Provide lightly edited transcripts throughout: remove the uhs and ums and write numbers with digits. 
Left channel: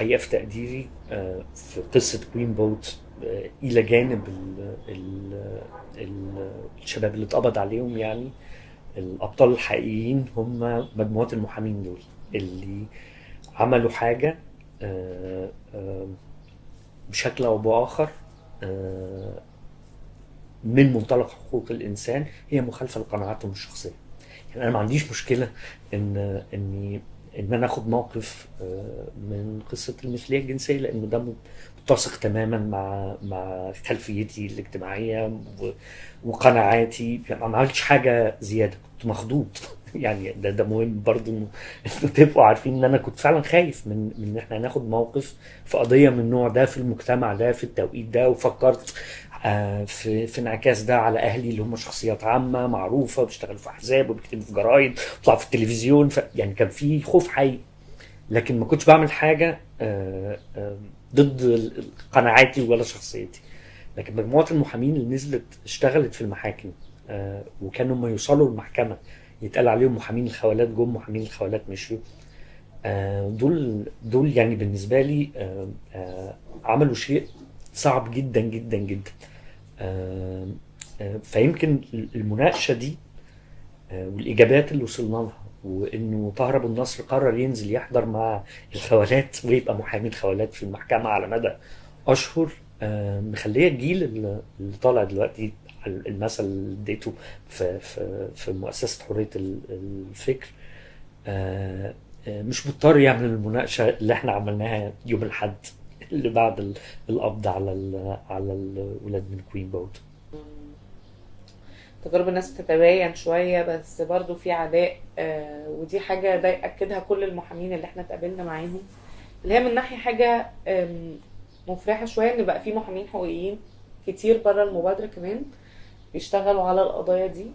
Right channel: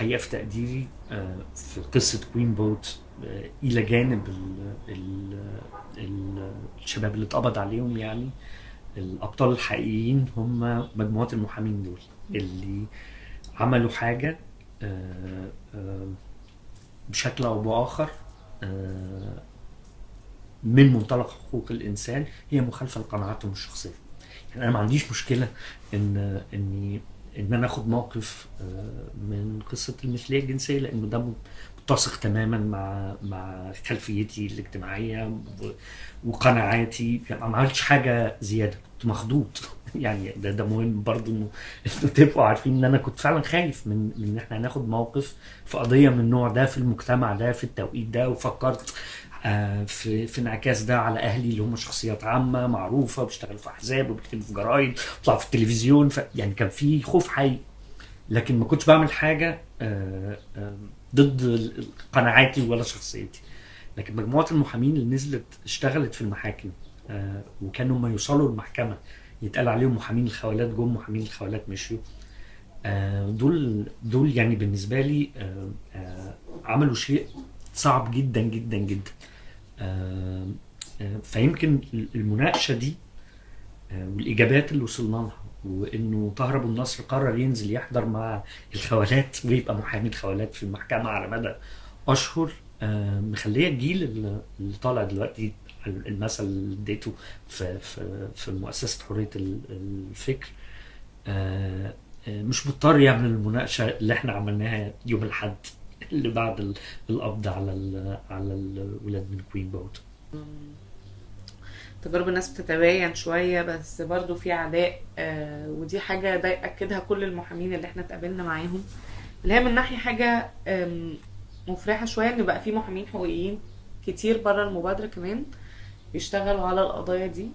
الحقيقة في تقديري في قصة كوين بوت، إلى جانب الشباب اللي اتقبض عليهم، يعني الأبطال الحقيقيين هم مجموعة المحامين دول اللي عملوا حاجة آه، آه، بشكل أو بآخر آه، من منطلق حقوق الإنسان هي مخالفة لقناعاتهم الشخصية. يعني أنا ما عنديش مشكلة إني إن أنا آخد موقف من قصة المثلية الجنسية، لأنه ده متسق تماما مع خلفيتي الاجتماعية وقناعاتي. يعني ما عملتش حاجة زيادة، كنت مخضوض. يعني ده مهم برضو إنه تبقوا عارفين إن أنا كنت فعلا خايف من إن إحنا هناخد موقف في قضية من النوع ده في المجتمع ده في التوقيت ده. وفكرت في انعكاس ده على اهلي اللي هم شخصيات عامه معروفه بيشتغلوا في احزاب وبيكتبوا في جرايد وبيطلعوا في التلفزيون، يعني كان في خوف حقيقي. لكن ما كنتش بعمل حاجه ضد قناعاتي ولا شخصيتي. لكن مجموعه المحامين اللي نزلت اشتغلت في المحاكم وكانوا ما يوصلوا المحكمه يتقال عليهم محامين الخوالات جم، محامين الخوالات مشيوا. دول يعني بالنسبه لي عملوا شيء صعب جدا جدا جدا. فيمكن المناقشه دي والاجابات اللي وصلنا لها، وانه طاهر ابو النصر قرر ينزل يحضر مع الخوالات ويبقى محامي الخوالات في المحكمه على مدى اشهر، مخليه الجيل اللي طالع دلوقتي، المثل اللي اديته في مؤسسه حريه الفكر، مش مضطر يعمل المناقشه اللي احنا عملناها يوم الاحد اللي بعد القبض على الولاد من كوين بوت. تجارب الناس بتتباين شوية، بس برضو في عداء. ودي حاجة ده يأكدها كل المحامين اللي احنا اتقابلنا معاهم، اللي هي من ناحية حاجة مفرحة شوية ان بقى في محامين حقوقيين كتير برا المبادرة كمان بيشتغلوا على القضايا دي،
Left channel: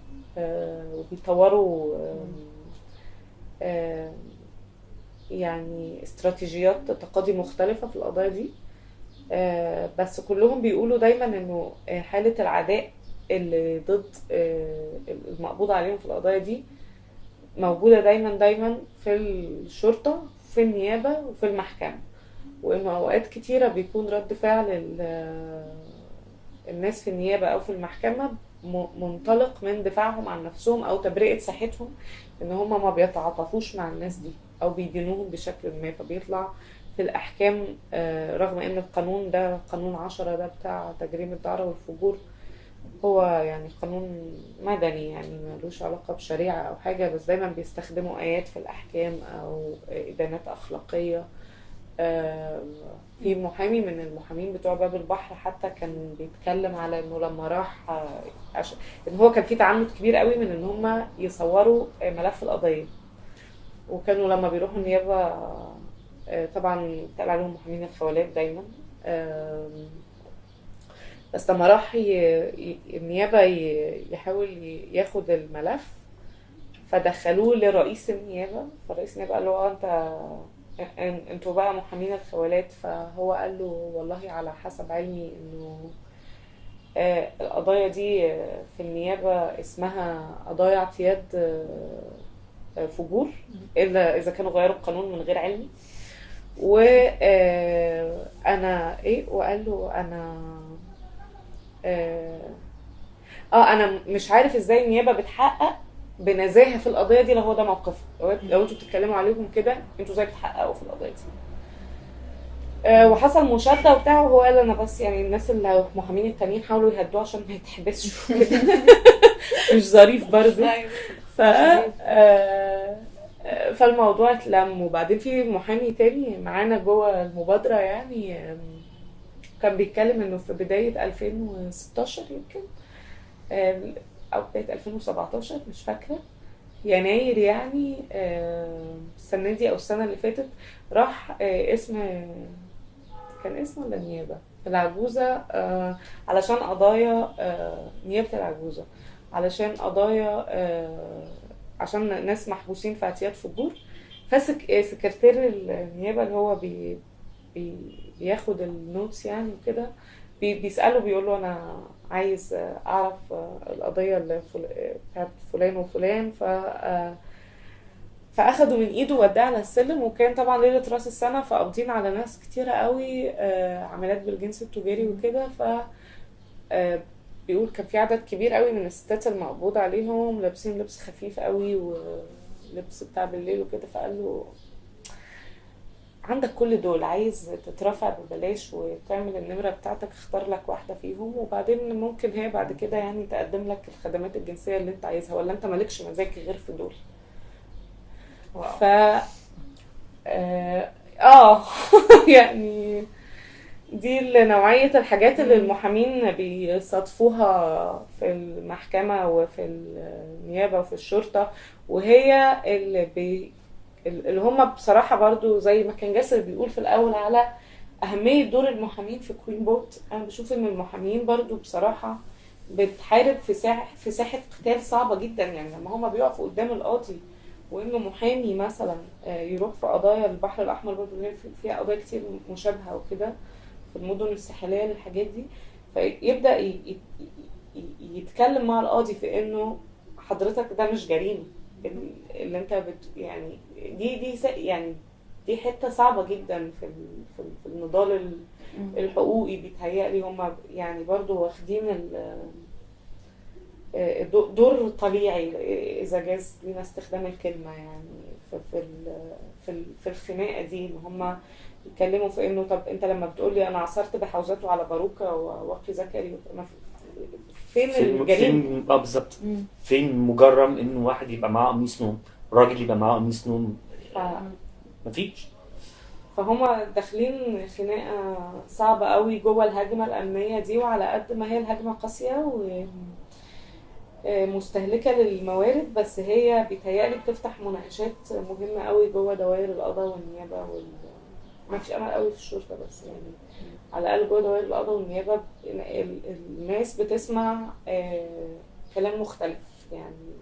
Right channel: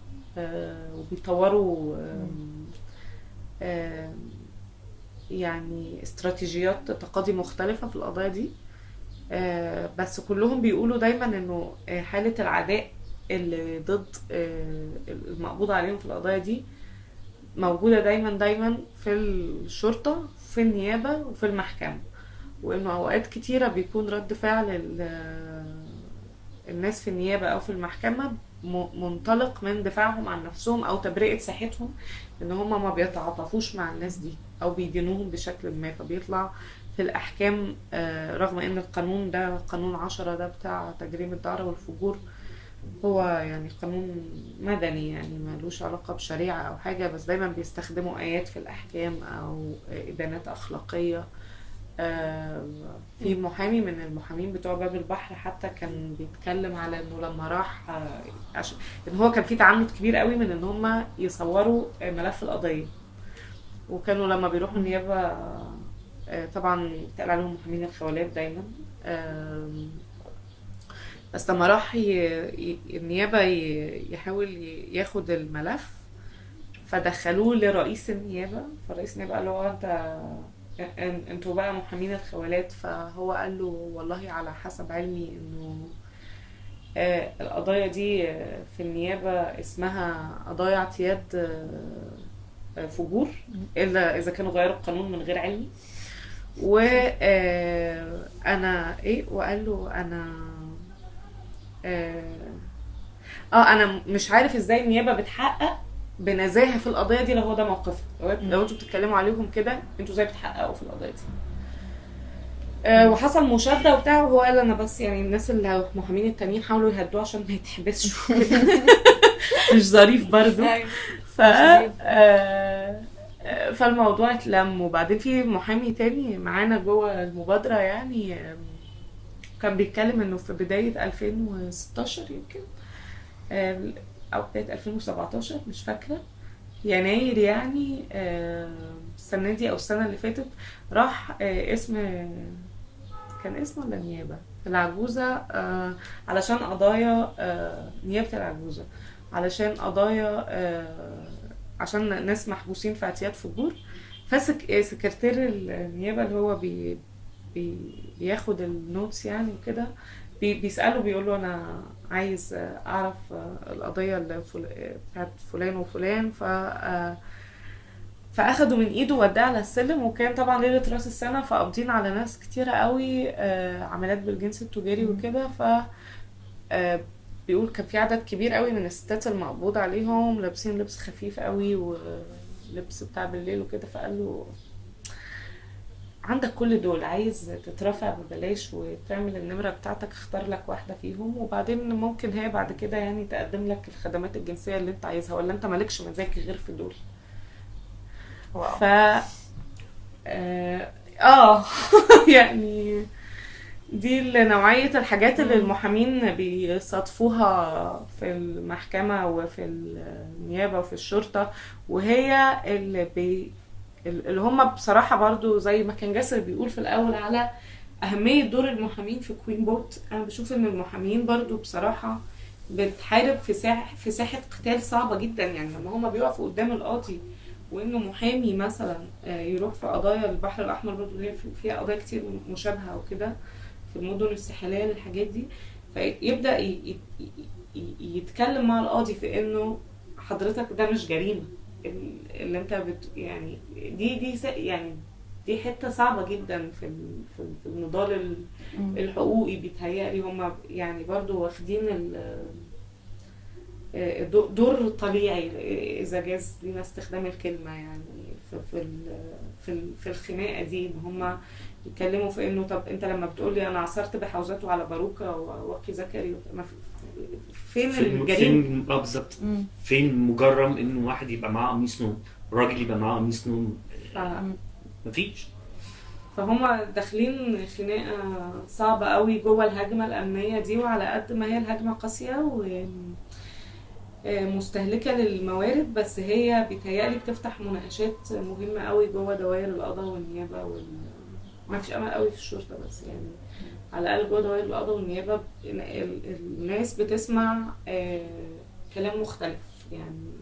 وبيطوروا يعني استراتيجيات تقاضي مختلفة في القضايا دي. بس كلهم بيقولوا دايما انه حالة العداء اللي ضد المقبوض عليهم في القضايا دي موجودة دايما في الشرطة، في النيابة، وفي المحكمة. وانه اوقات كتيرة بيكون رد فعل الناس في النيابة او في المحكمة منطلق من دفاعهم عن نفسهم او تبرئة ساحتهم، ان هم ما بيتعاطفوش مع الناس دي او بيدينوهم بشكل ما، فبيطلع في الاحكام رغم ان القانون ده قانون 10 ده بتاع تجريم الدعارة والفجور هو يعني قانون مدني، يعني ملوش علاقة بشريعة او حاجة، بس دايما بيستخدموا ايات في الاحكام او ادانات اخلاقية. في محامي من المحامين بتوع باب البحر حتى كان بيتكلم على انه لما راح ان هو كان في تعنت كبير قوي من ان هم يصوروا ملف القضية، وكانوا لما بيروحوا النيابة طبعا يتقال عليهم محامين الخوالات دايما. بس لما راح النيابة يحاول ياخد الملف فدخلوه لرئيس النيابة، فرئيس النيابة قال له انتوا بقى محامين الخوالات، فهو قال له والله على حسب علمي انه القضايا دي في النيابة اسمها قضايا اعتياد فجور، الا اذا كانوا غيروا القانون من غير علمي. وانا وقال له انا مش عارف ازاي النيابة بتحقق بنزاهة في القضية دي لو هو ده موقفها، لو انتوا بتتكلموا عليهم كده انتوا ازاي بتحققوا في القضية دي. وحصل مشادة وبتاع، وهو قال انا بس يعني الناس اللي محامين التانيين حاولوا يهدوه عشان ما يتحبسش مش ظريف برضو. ف فالموضوع اتلم. وبعدين في محامي تاني معانا جوه المبادرة يعني كان بيتكلم انه في بداية 2016 يمكن او بداية 2017 مش فاكرة، يناير يعني السنة دي او السنة اللي فاتت، راح كان اسمه ولا النيابة العجوزة علشان قضايا نيابة العجوزة، علشان قضايا عشان ناس محبوسين في اعتياد فجور. فسكرتير النيابة اللي هو بياخد النوتس يعني وكده بيسأله بيقول له انا عايز اعرف القضية اللي بتاعت فلان وفلان. فاخدوا من ايده وداه على السلم، وكان طبعا ليله راس السنه فقابضين على ناس كتيره قوي عاملات بالجنس التجاري وكده. ف بيقول كان في عدد كبير قوي من الستات المقبوض عليهم لابسين لبس خفيف قوي ولبس بتاع بالليل وكده. فقال له عندك كل دول، عايز تترافع ببلاش وتعمل النمرة بتاعتك، اختار لك واحدة فيهم وبعدين ممكن هي بعد كده يعني تقدم لك الخدمات الجنسية اللي انت عايزها، ولا انت مالكش مزاج غير في دول. واو. ف يعني دي نوعية الحاجات اللي المحامين بيصادفوها في المحكمة وفي النيابة وفي الشرطة، وهي اللي هم بصراحة برضو زي ما كان جاسر بيقول في الأول على أهمية دور المحامين في كوين بوت. أنا بشوف إن المحامين برضو بصراحة بتحارب في ساحة قتال صعبة جدا. يعني لما هم بيقفوا قدام القاضي وإنه محامي مثلا يروح في قضايا البحر الأحمر، برضو هي فيها قضايا كتير مشابهة وكده في المدن الساحلية للحاجات دي، فيبدأ يتكلم مع القاضي في إنه حضرتك ده مش جريمة اللي انت يعني يعني دي حته صعبه جدا في النضال الحقوقي. بيتهيألي هم يعني برضو واخدين دور طليعي اذا جاز لينا استخدام الكلمه، يعني في الخناقه دي ان هم يتكلموا في انه طب انت لما بتقولي انا عصرت بحوزته على باروكه وواقي ذكري، فين الجريمه؟ بالظبط. فين مجرم انه واحد يبقى معاه قميص نوم، راجل يبقى معاه قميص نوم؟ مفيش. فهم داخلين خناقه صعبه قوي جوه الهجمه الامنيه دي، وعلى قد ما هي الهجمه قاسيه ومستهلكه للموارد، بس هي بيتهيألي بتفتح مناقشات مهمه قوي جوه دوائر القضاء والنيابه ما فيش امل قوي في الشرطه، بس يعني على الاقل جوه دوائر القضاء والنيابه الناس بتسمع كلام مختلف. يعني